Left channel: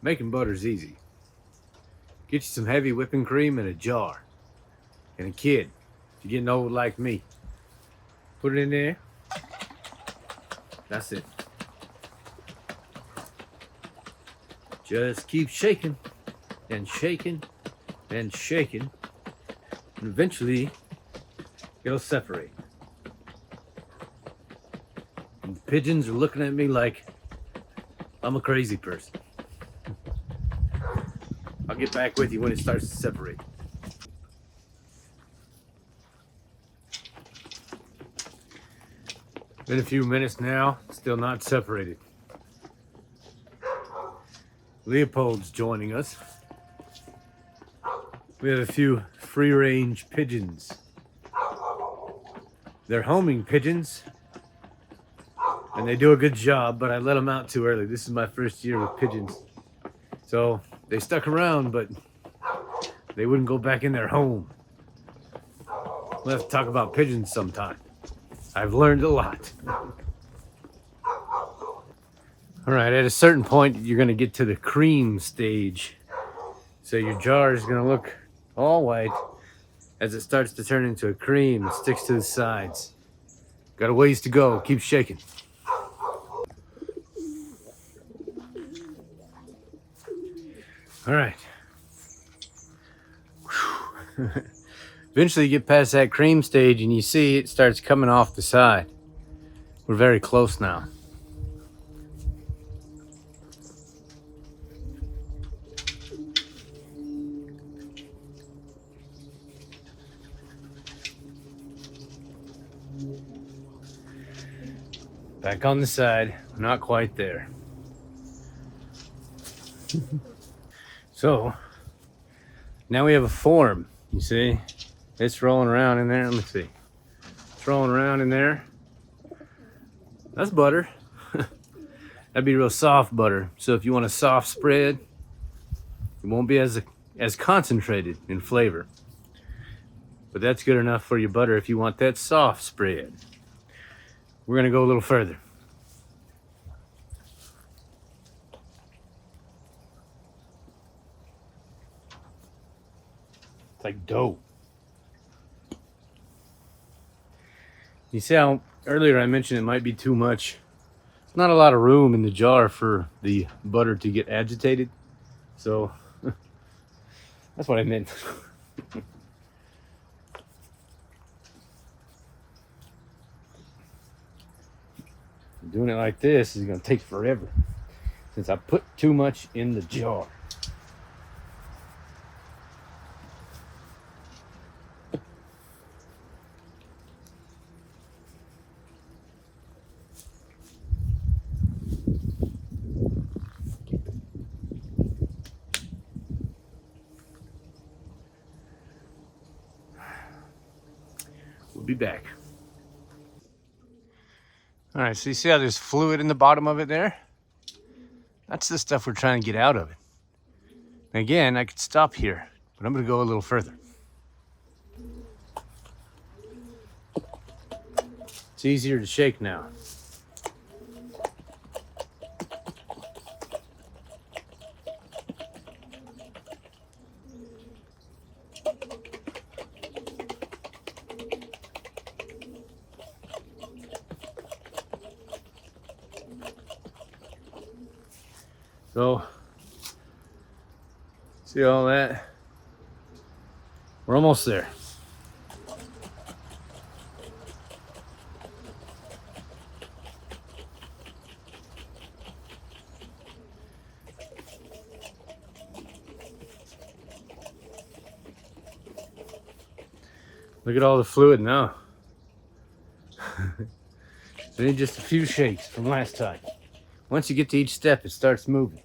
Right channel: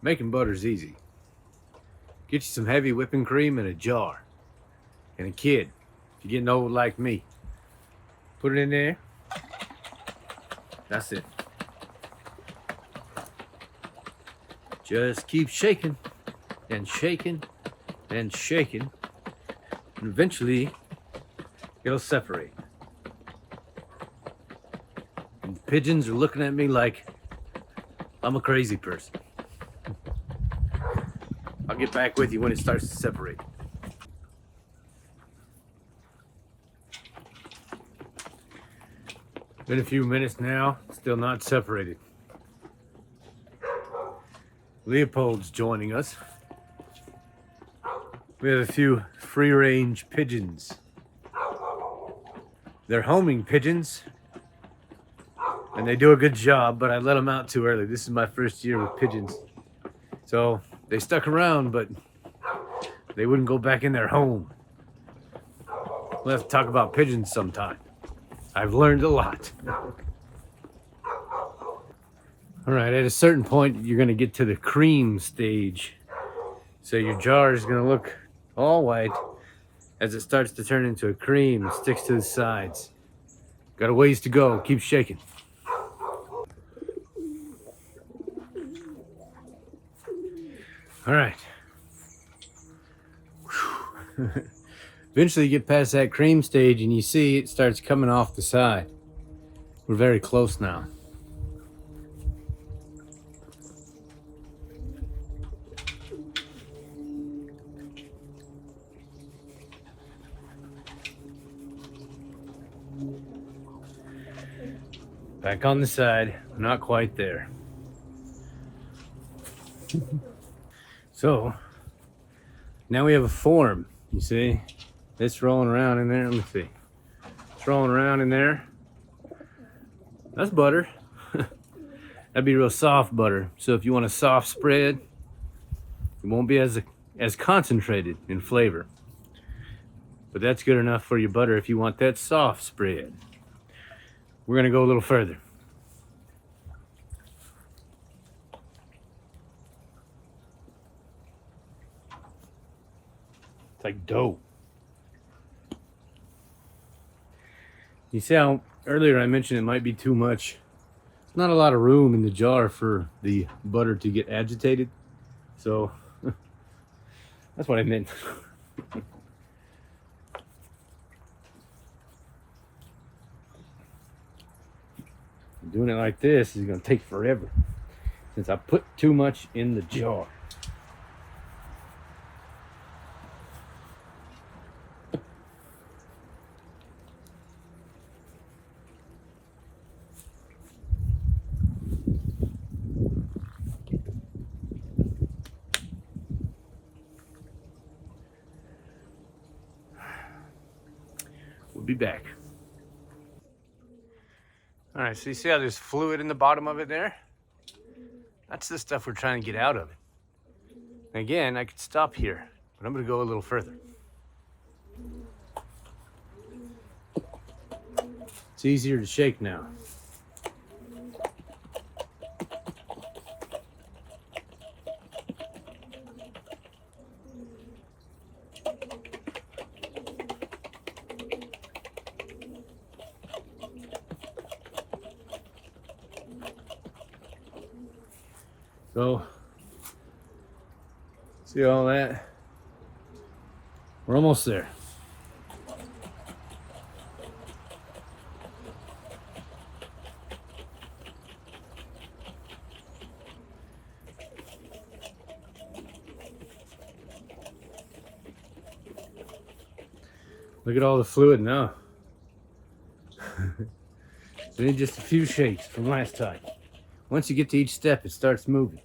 Making butter's easy. Get you some heavy whipping cream in a jar. And a kid, if you're getting old like me, put it in there. That's it. Just keep shaking and shaking and shaking. And eventually, it'll separate. And the pigeons are looking at me like I'm a crazy person. I'll get back with you when it starts to separate. Been a few minutes now, still not separated. Leopold's joining us. We have a few free-range pigeons. They're homing pigeons, and they do a good job, but I let them out too early. This is my first year with pigeons. So they stuck around, but they wouldn't go back in their home. We'll have to talk about pigeons sometime. I've learned a lot. All right, at a certain point, you're gonna get to the cream stage. So your jar is gonna look all white. As it starts to turn into a cream, it sticks to the sides. Got a ways to go, keep shaking. All right. Eventually you get past that cream stage and you see it starts coming off the side. We're very close now. Back on the side, not quite there. So, now we have a form, you see? It's rolling around in there, let me see. It's rolling around in there. That's butter. That'd be real soft butter. So if you want a soft spread, it won't be as concentrated in flavor. But that's good enough for your butter if you want that soft spread. We're gonna go a little further. It's like dough. You see how earlier I mentioned it might be too much. There's not a lot of room in the jar for the butter to get agitated. So that's what I meant. Doing it like this is gonna take forever since I put too much in the jar. We'll be back. All right, so you see how there's fluid in the bottom of it there? That's the stuff we're trying to get out of it. And again, I could stop here, but I'm gonna go a little further. It's easier to shake now. So, see all that? We're almost there. Look at all the fluid now. So need just a few shakes from last time. Once you get to each step, it starts moving.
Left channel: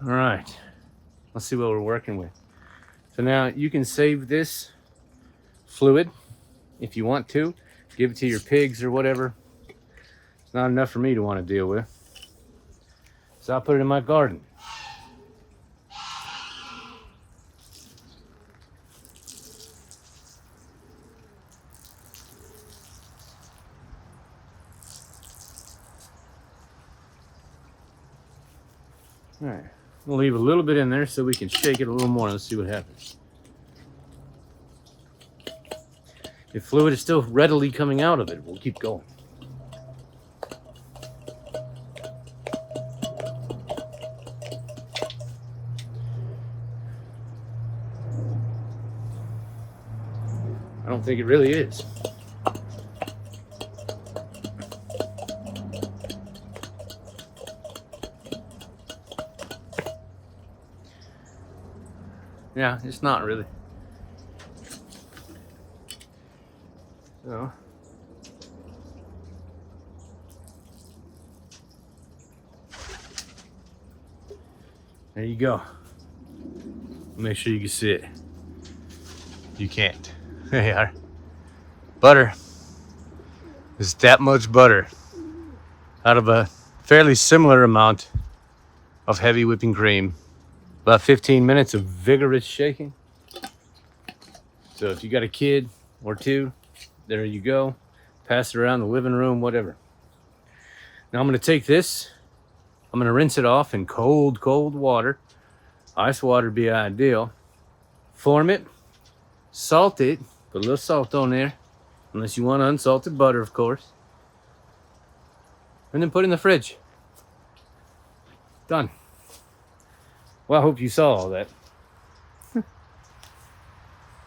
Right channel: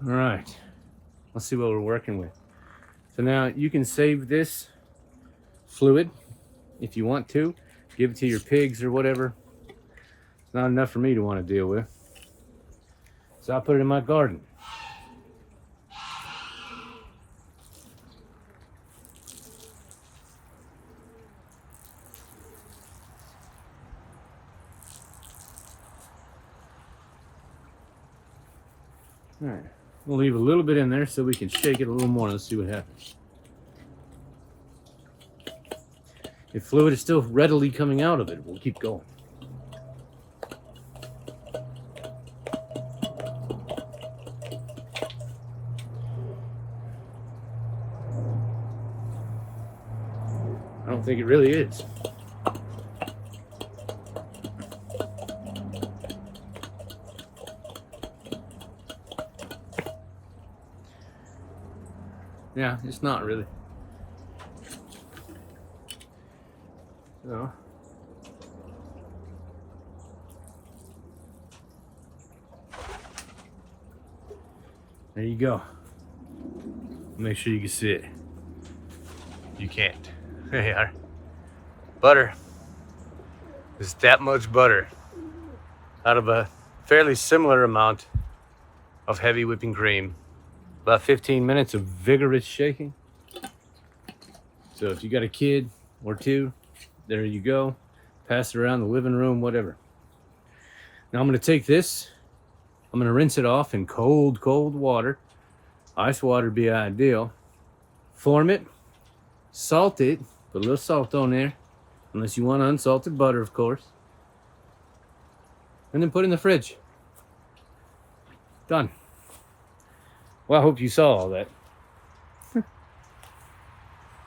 All right, let's see what we're working with. So now you can save this fluid if you want to. Give it to your pigs or whatever. It's not enough for me to want to deal with. So I'll put it in my garden. All right, we'll leave a little bit in there so we can shake it a little more. Let's see what happens. If fluid is still readily coming out of it, we'll keep going. I don't think it really is. Yeah, it's not really. So, there you go. Make sure you can see it. You can't. There you are. Butter. It's that much butter out of a fairly similar amount of heavy whipping cream. About 15 minutes of vigorous shaking. So if you got a kid or two, there you go. Pass it around the living room, whatever. Now I'm gonna take this, I'm gonna rinse it off in cold, cold water. Ice water would be ideal. Form it, salt it, put a little salt on there, unless you want unsalted butter, of course. And then put it in the fridge. Done. Well, I hope you saw all that.